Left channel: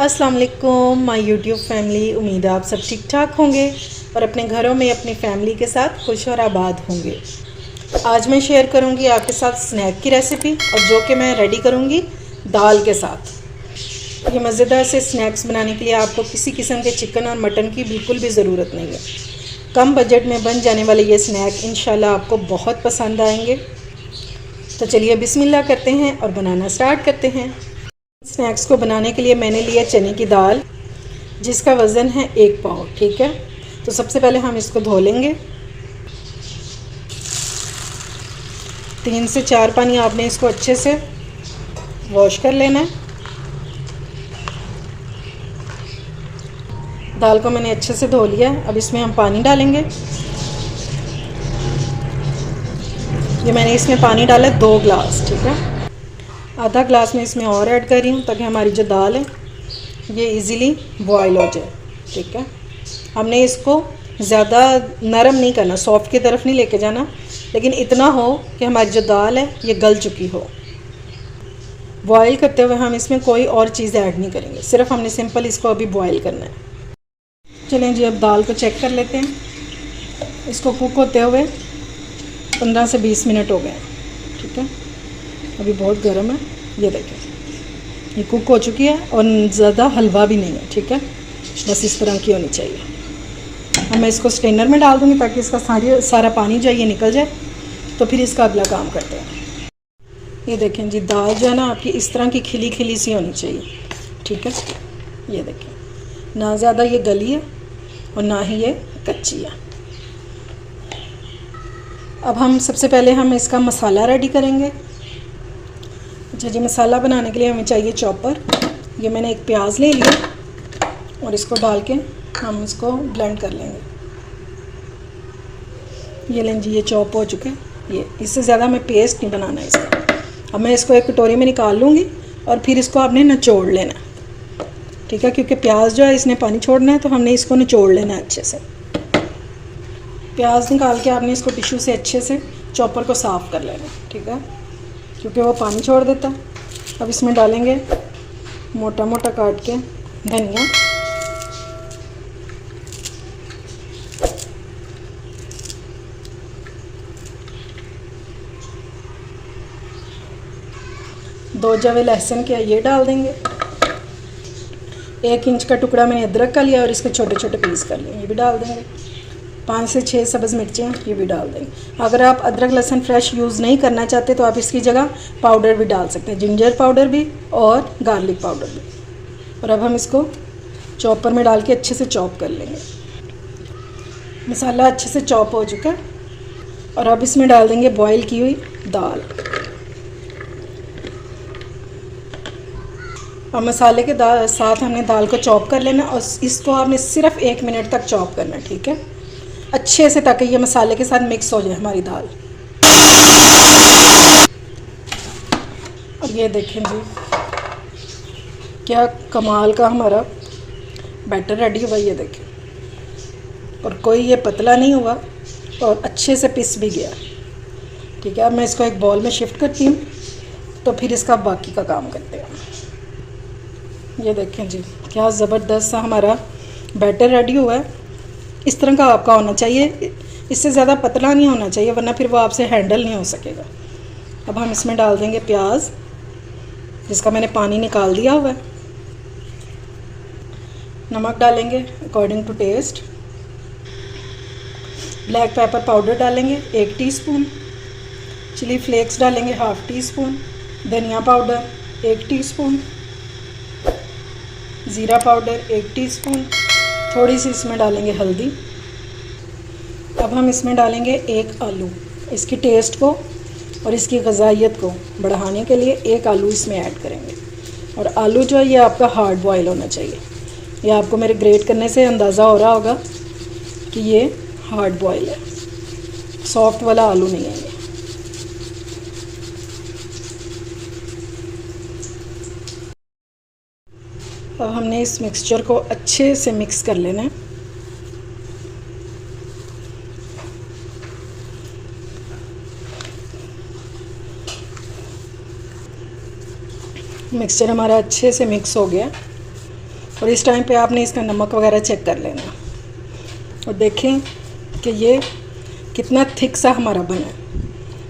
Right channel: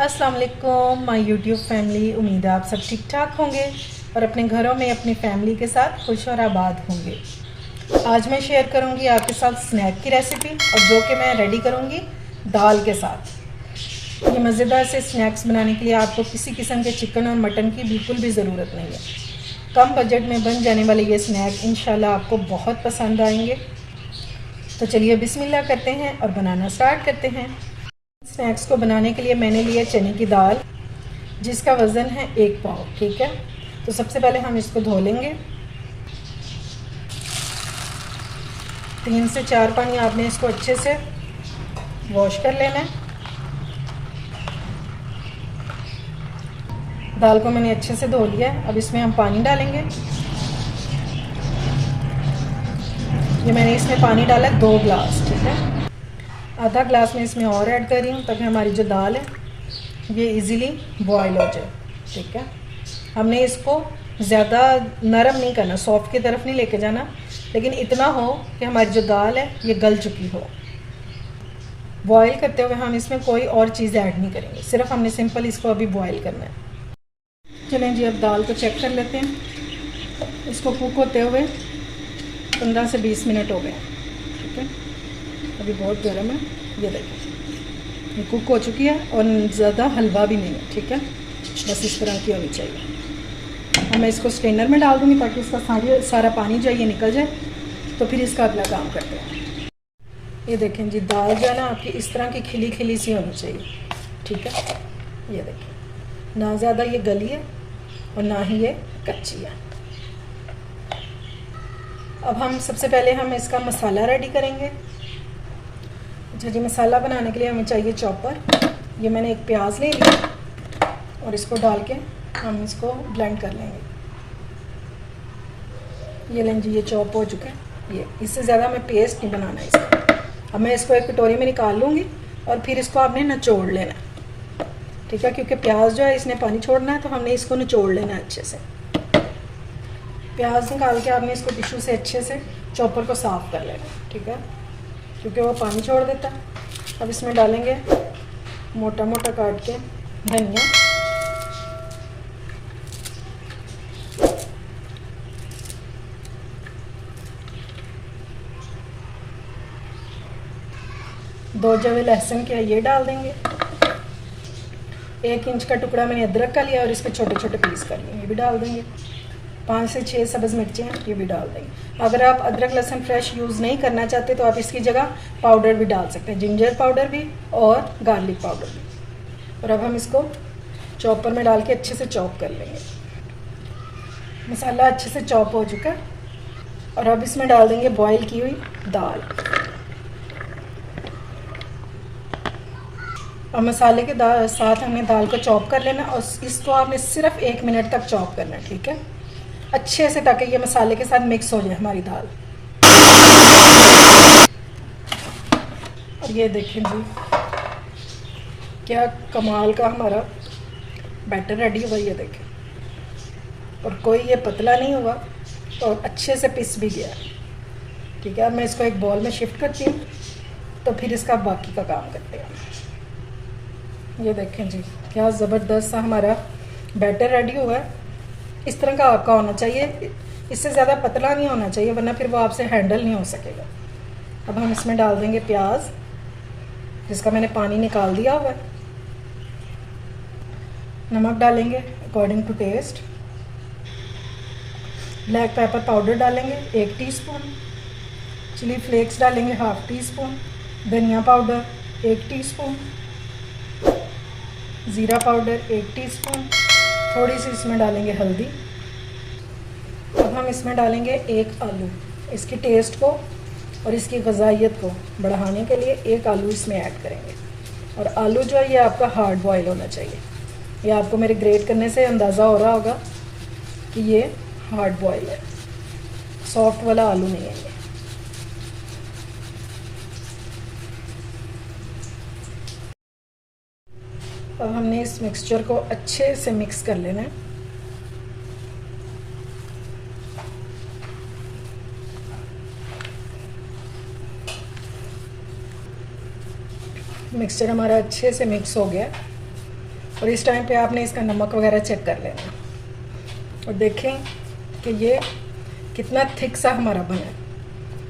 अस्सलाम वालेकुम my YouTube family. उम्मीद है आप सब ठीक ठाक होंगे और अपने घरों में अपनी फैमिली के साथ खुश और आबाद होंगे। आज मैं शेयर करूंगी आपके साथ स्नैक की रेसिपी, और जो कि मैं रेडी करूंगी दाल के साथ। ये मज़ेदार से स्नैक्स बनाने के लिए आपको किसी किस्म के चिकन और मटन की बिल्कुल भी ज़रूरत नहीं है। कम बजट में बन जाने वाले ये स्नैक इंशाल्लाह आपको बहुत पसंद आएंगे। तो चलिए बिस्मिल्लाह करते हैं और बनाना स्टार्ट करते हैं। स्नैक्स को बनाने के लिए मैंने लिया चने की दाल, जिसका वज़न है 1 पाव। ठीक है, तो सबसे पहले हम इसको धो लेंगे। 3 से 4 पानी आपने इसको अच्छे से वॉश कर लेना है। दाल को मैंने अच्छे से धो लिया है। अब इसमें हम पानी डालेंगे। ये मैंने इसमें पानी डाला 2 गिलास। ठीक है, आधा ग्लास में इसमें और ऐड कर रही हूँ ताकि हमारी जो दाल है ये इजीली बॉयल हो जाए। ठीक है, हमने इसको ज़्यादा नरम नहीं करना, सॉफ्ट की तरफ नहीं लेके जाना, लेकिन इतना हो कि हमारी जो दाल है ये गल चुकी हो। बॉयल करते हुए हम इसमें कोई और चीज़ ऐड नहीं करेंगे, सिर्फ हमने सिंपल इसको अभी बॉयल करना है। चलें जी, अब दाल को चेक कर लेते हैं। इसको कुक होते हुए 15 से 20 मिनट हो गए। ठीक है, अभी बहुत गर्म है। ये देखिए ये कुक हो चुकी है और ज़्यादा हलवा भी नहीं है। ठीक है, बस इस तरह की होनी चाहिए। अब मैं इसको स्ट्रेनर में डाल दूँगी ताकि इसका सारा पानी जो है ये निकल जाए। तो फिर इसका अगला काम करते हैं। ये देखें जी, दाल जो है ना आपकी इस तरह की खिली खिली सी होनी चाहिए। ठीक है, ये देखें, ना ज़्यादा ये गली है और ना ही ये कच्ची है। अब हम सबसे पहले हम इसका मसाला रेडी करेंगे। अच्छा जी, मसाला बनाने के लिए हमें चाहिए चॉपर। ये मैंने एक प्याज ले लिया और इसको डाल के हम इसको ब्लेंड कर लेंगे। ये लें जी, ये चॉप हो चुका है। ये इससे ज़्यादा हमें पेस्ट नहीं बनाना है इसका। अब मैं इसको एक कटोरी में निकाल लूँगी और फिर इसको आपने निचोड़ लेना है। ठीक है, क्योंकि प्याज जो है इसने पानी छोड़ना है, तो हमने इसको निचोड़ लेना है अच्छे से। प्याज निकाल के आपने इसको टिश्यू से अच्छे से चॉपर को साफ़ कर लेना है। ठीक है, क्योंकि वो पानी छोड़ देता है। अब इसमें डालेंगे मोटा मोटा काट के धनिया, दो जवे लहसुन के ये डाल देंगे। 1 इंच का टुकड़ा मैंने अदरक का लिया और इसके छोटे छोटे पीस कर लिए, ये भी डाल देंगे। 5 से 6 सब्ज़ मिर्चियाँ, ये भी डाल देंगे। अगर आप अदरक लहसुन फ्रेश यूज़ नहीं करना चाहते तो आप इसकी जगह पाउडर भी डाल सकते हैं, जिंजर पाउडर भी और गार्लिक पाउडर भी। और अब हम इसको चॉपर में डाल के अच्छे से चॉप कर लेंगे। मसाला अच्छे से चॉप हो चुका है और अब इसमें डाल देंगे बॉयल की हुई दाल। और मसाले के साथ हमने दाल को चॉप कर लेना और इसको आपने सिर्फ 1 मिनट तक चॉप करना है। ठीक है, अच्छे से, ताकि ये मसाले के साथ मिक्स हो जाए हमारी दाल। और ये देखें जी, क्या कमाल का हमारा बैटर रेडी हुआ। ये देखें, और कोई ये पतला नहीं हुआ और अच्छे से पिस भी गया। ठीक है, अब मैं इसको एक बॉल में शिफ्ट करती हूँ, तो फिर इसका बाकी का काम करते हैं। ये देखें जी, क्या ज़बरदस्त सा हमारा बैटर रेडी हुआ है। इस तरह का आपका होना चाहिए, इससे ज़्यादा पतला नहीं होना चाहिए, वरना फिर वो आपसे हैंडल नहीं हो सकेगा। अब हम इसमें डाल देंगे प्याज, जिसका मैंने पानी निकाल दिया हुआ है। नमक डालेंगे according to taste. Black pepper powder डालेंगे 1 टीस्पून। चिली फ्लेक्स डालेंगे 1/2 टीस्पून। धनिया पाउडर 1 टीस्पून। ज़ीरा पाउडर 1 टीस्पून। थोड़ी सी इसमें डालेंगे हल्दी। अब हम इसमें डालेंगे 1 आलू। इसकी टेस्ट को और इसकी ग़ज़ाइयत को बढ़ाने के लिए 1 आलू इसमें ऐड करेंगे। और आलू जो है ये आपका हार्ड बॉयल होना चाहिए। ये आपको मेरे ग्रेट करने से अंदाज़ा हो रहा होगा कि ये हार्ड बॉयल है, सॉफ्ट वाला आलू नहीं है ये। अब हमने इस मिक्सचर को अच्छे से मिक्स कर लेना है। मिक्सचर हमारा अच्छे से मिक्स हो गया। और इस टाइम पे आपने इसका नमक वगैरह चेक कर लेना और देखें कि ये कितना थिक सा हमारा बना है।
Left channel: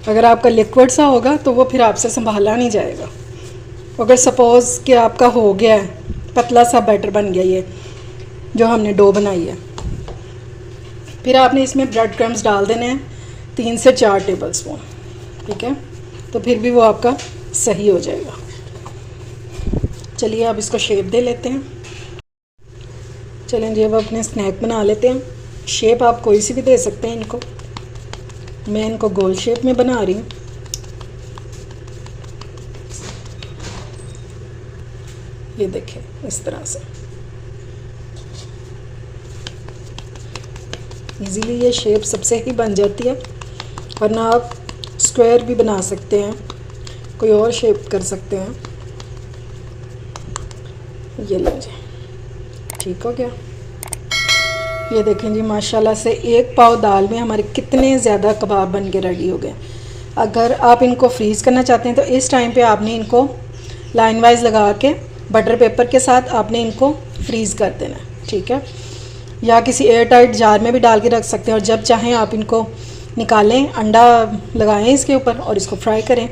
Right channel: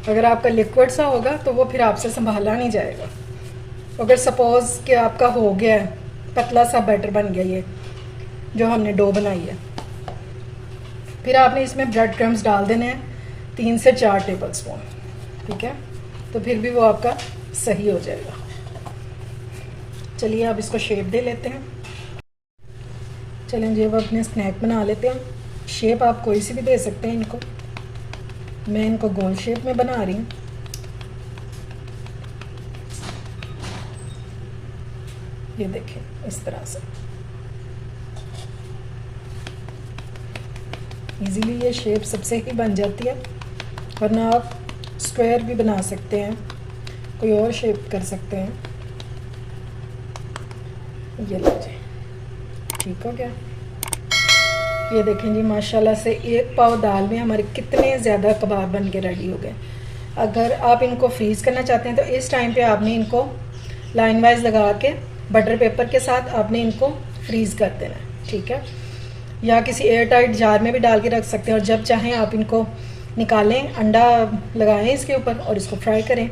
अगर आपका लिक्विड सा होगा तो वो फिर आपसे संभाला नहीं जाएगा। अगर सपोज़ कि आपका हो गया है, पतला सा बैटर बन गया ये जो हमने डो बनाई है, फिर आपने इसमें ब्रेड क्रम्स डाल देने हैं 3 से 4 टेबल स्पून, ठीक है। तो फिर भी वो आपका सही हो जाएगा। चलिए अब इसको शेप दे लेते हैं। चलें जी, अब अपने स्नैक बना लेते हैं। शेप आप कोई सी भी दे सकते हैं इनको। मैं इनको गोल शेप में बना रही हूँ। ये देखें इस तरह से इजीली ये शेप सबसे ही बन जाती है, वरना आप स्क्वायर भी बना सकते हैं, कोई और शेप कर सकते हैं। ये लो जी, ठीक हो गया। ये देखें जी, माशाल्लाह से 1 पाव दाल में हमारे कितने ज़्यादा कबाब बन के रेडी हो गए। अगर आप इनको फ्रीज़ करना चाहते हैं तो इस टाइम पे आपने इनको लाइन वाइज लगा के बटर पेपर के साथ आपने इनको फ्रीज़ कर देना है, ठीक है। या किसी एयर टाइट जार में भी डाल के रख सकते हैं और जब चाहें आप इनको निकालें, अंडा लगाएं इसके ऊपर और इसको फ्राई करें।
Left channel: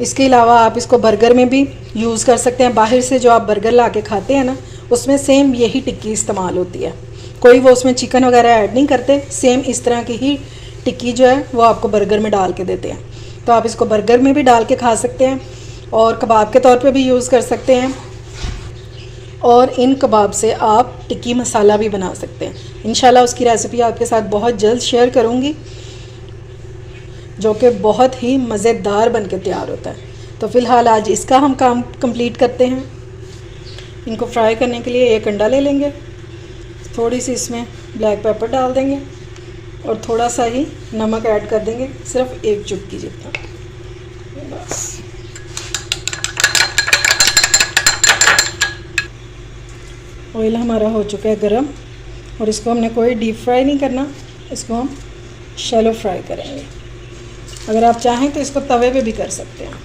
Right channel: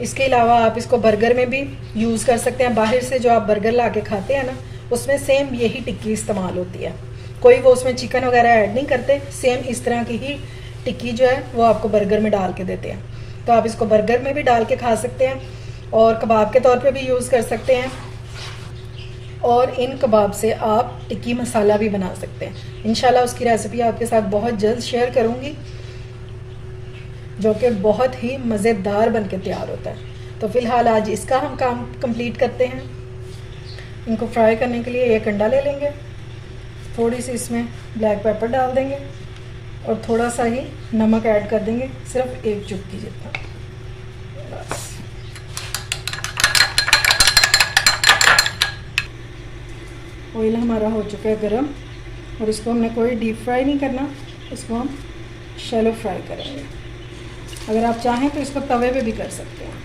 इसके अलावा आप इसको बर्गर में भी यूज़ कर सकते हैं। बाहर से जो आप बर्गर ला के खाते हैं ना, उसमें सेम यही टिक्की इस्तेमाल होती है। कोई वो उसमें चिकन वगैरह ऐड नहीं करते, सेम इस तरह की ही टिक्की जो है वो आपको बर्गर में डाल के देते हैं। तो आप इसको बर्गर में भी डाल के खा सकते हैं और कबाब के तौर पे भी यूज़ कर सकते हैं। और इन कबाब से आप टिक्की मसाला भी बना सकते हैं। इंशाल्लाह उसकी रेसिपी आपके साथ बहुत जल्द शेयर करूँगी, जो कि बहुत ही मज़ेदार बन के तैयार होता है। तो फ़िलहाल आज इसका हम काम कंप्लीट करते हैं। इनको फ्राई करने के लिए 1 अंडा ले लेंगे, थोड़ी सी इसमें ब्लैक पेपर डाल देंगे और थोड़ा सा ही नमक ऐड कर देंगे, सिर्फ 1 चुटकी जितना, बस। ऑयल हमारा हो चुका है गरम और इसको हमने कोई डीप फ्राई नहीं करना, इसको हम शैलो फ्राई करेंगे। अगर आप चाहें तो इसको तवे पे भी कर सकते हैं।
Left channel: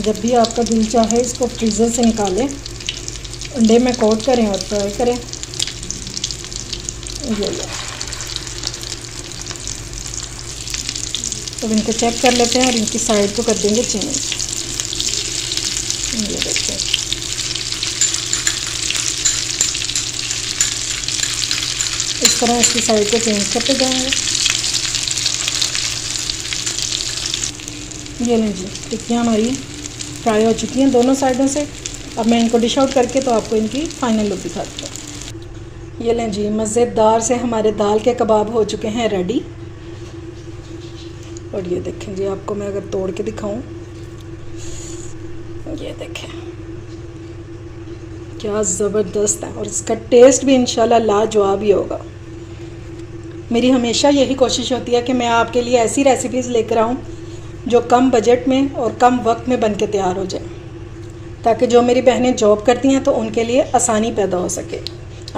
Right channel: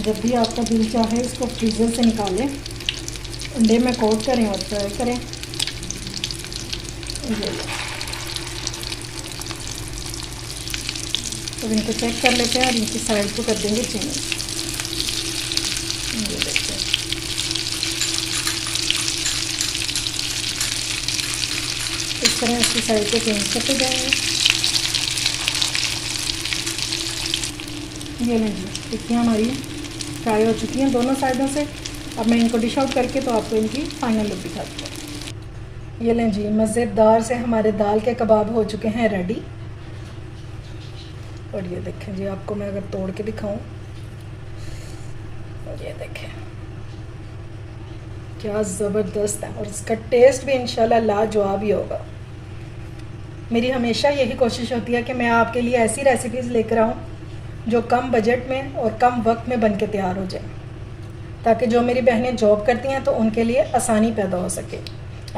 जब भी आपका दिल चाहे इसको फ्रीज़र से निकालें, अंडे में कोट करें और फ्राई करें। तो इनको चेक कर लेते हैं और इनकी साइड को कर देंगे चेंज। ये देखते हैं, इस तरह इसकी साइड को चेंज करते जाएंगे। ये लें जी, टिक्कियाँ हमारी फ्राई हो चुकी हैं दोनों साइडों से। अब मैं इनको डिश आउट करके तो आपको इनकी फाइनल लुक दिखाती हूँ। ये लें जी, मज़ेदार से हमारे दाल के कबाब हो चुके हैं रेडी। और ये देखें जी, आपको मैं अगर तोड़ के दिखाऊं, ये देखें क्या ज़बरदस्त है और इसका टेस्ट भी इंशाल्लाह लाजवाब ही होगा। मेरी हमेशा यही कोशिश होती है कि मैं आपके लिए ऐसी रेसिपीज़ लेकर आऊँ जो कम बजट में और कम वक्त में बन के तैयार हो जाए, ताकि जो मेरी बहनें जॉब करती हैं तो उनके लिए आसानी पैदा हो सके।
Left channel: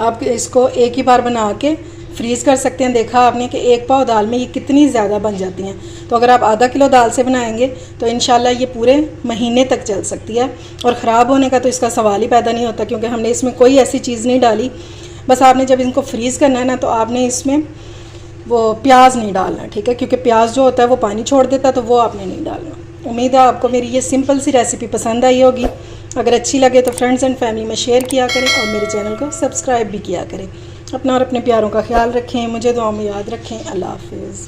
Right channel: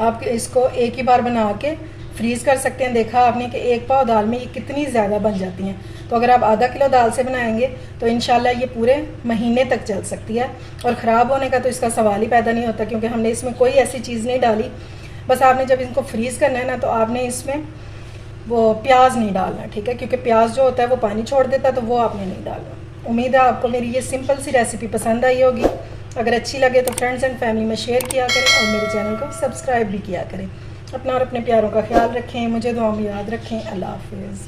आप इसको एक ही बार बना के फ्रीज़ कर सकते हैं। देखा आपने कि 1 पाव दाल में ये कितनी ज़्यादा बन जाती हैं। तो अगर आप आधा किलो दाल से बनाएंगे तो इंशाल्लाह ये पूरे महीने तक चल सकती है और ख़राब होने का तो इसका सवाल ही पैदा नहीं होता, क्योंकि हमने इसमें कोई ऐसी चीज़ नहीं डाली। बस आपने जब इनको फ्रीज़ करना है ना, तो आपने इसमें वो प्याज नहीं डालना, ठीक है, क्योंकि प्याज जो होता है वो पानी छोड़ देता है, तो वो आपने नहीं डालना। उम्मीद है आपको मेरी ये सिंपल सी रेसिपी पसंद आई होगी। अगर अच्छी लगे तो फ्रेंड्स एंड फैमिली में शेयर किया करें और मेरे चैनल को सब्सक्राइब भी किया करें। अपना और अपने प्यारों का ख्याल रखें, मुझे दुआ में याद रखें। अल्लाह हाफिज़।